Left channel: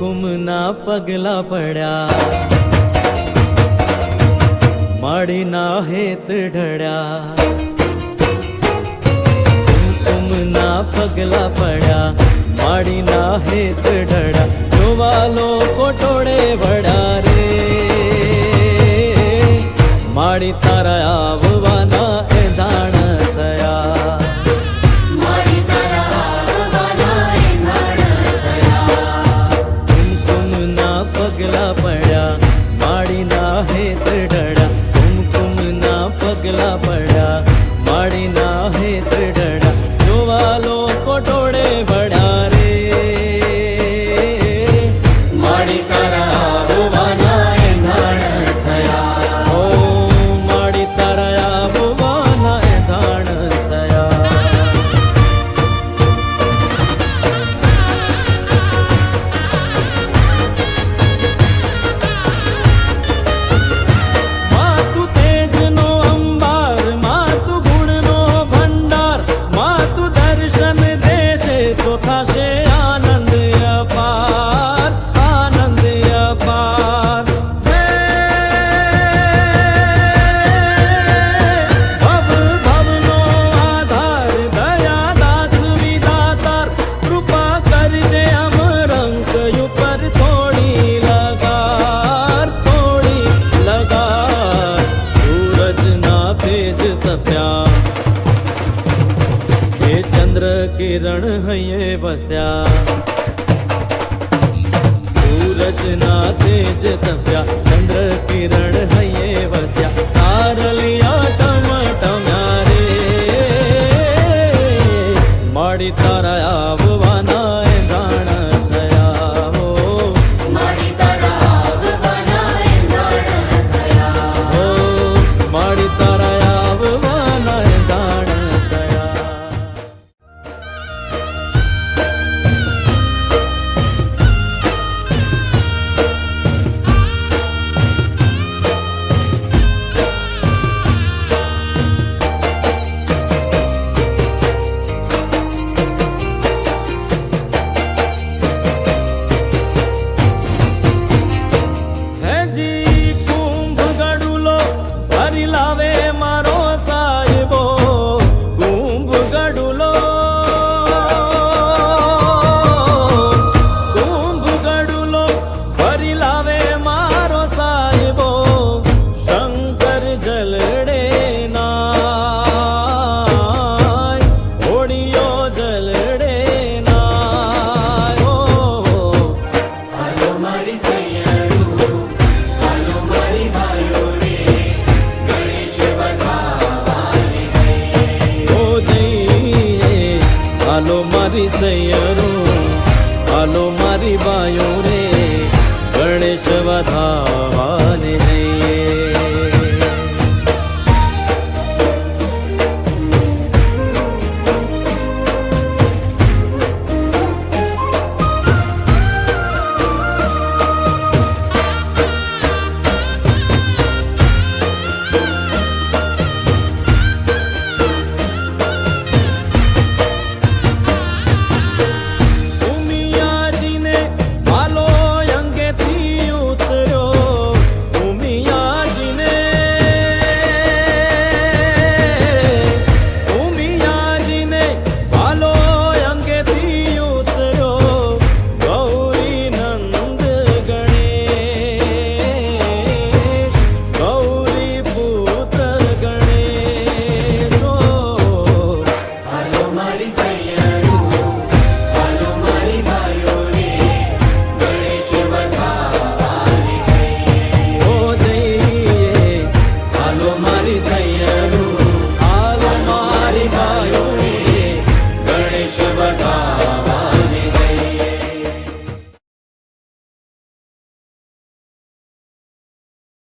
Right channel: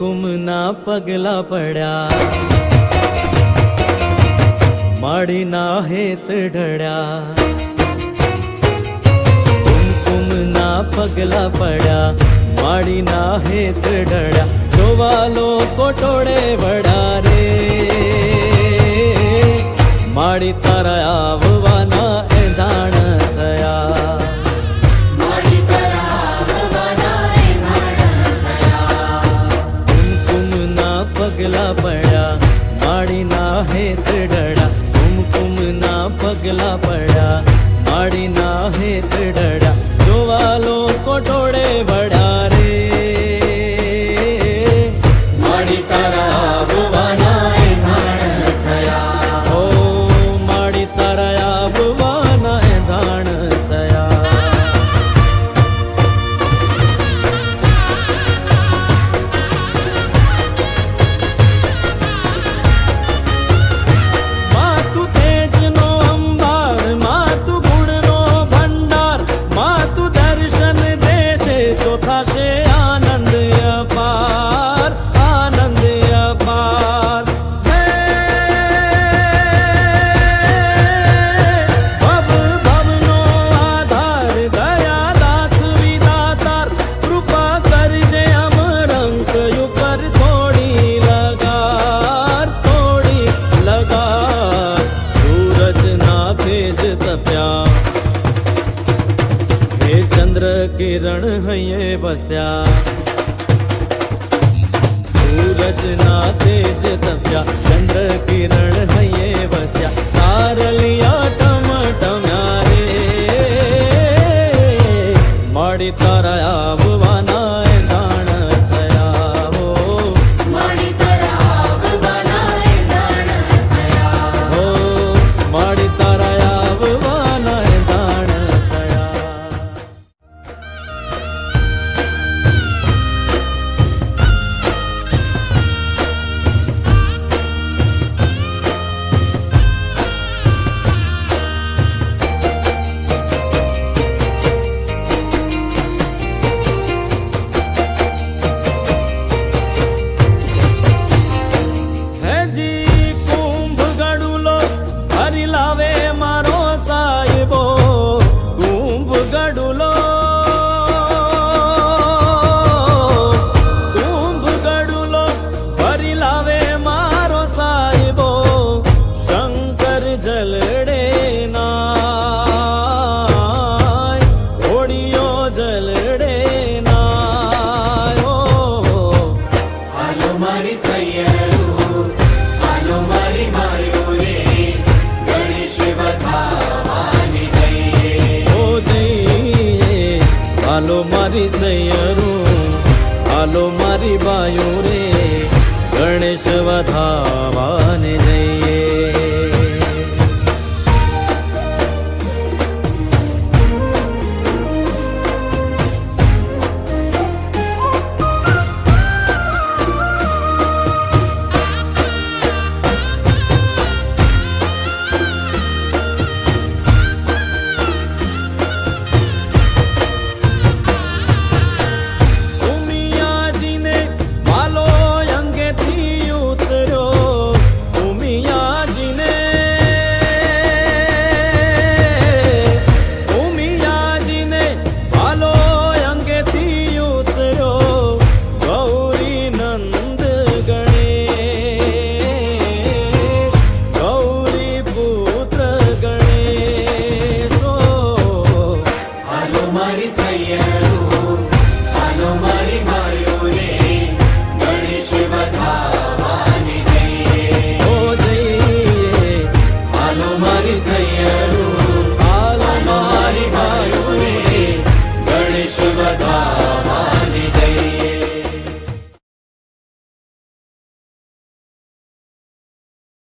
પગલા પડ્યા માડીના હેત ઢળ્યા હુકુમના પગલા પડ્યા માડીના હેત ઢળ્યા જોવા લોકો ટોળે વડા રે માડી તારા આવવાના એધાણ થયા પગલા પડ્યા. માડીના હેત ઢળ્યા કુમકુમના પગલા પડ્યા. માડીના હેત ડડા, જોવા લોકો ટોળે વડા રે. તો થશે આનંદ અપાર આનંદ અપાર હે ભવ ભવનો આધાર દયા દાખવી દાતાર કૃપા કરજે અમરંક ઉપર થોડી લગાર થોડી લગાર સૂરજના તેજ તપ્યા હે ચંદ્ર કિરણ હૈયે વસ્યા. સૂરજના તેજ તપ્યા, ચંદ્ર કિરણ હૈયે વસ્યા. તારલિયા ટમટમ્યા રે. માડી તારા આવવાના love હાલો મારી સૈયરો હાલો મારી બાયો રે ગણેશ વધાવાને જઈએ.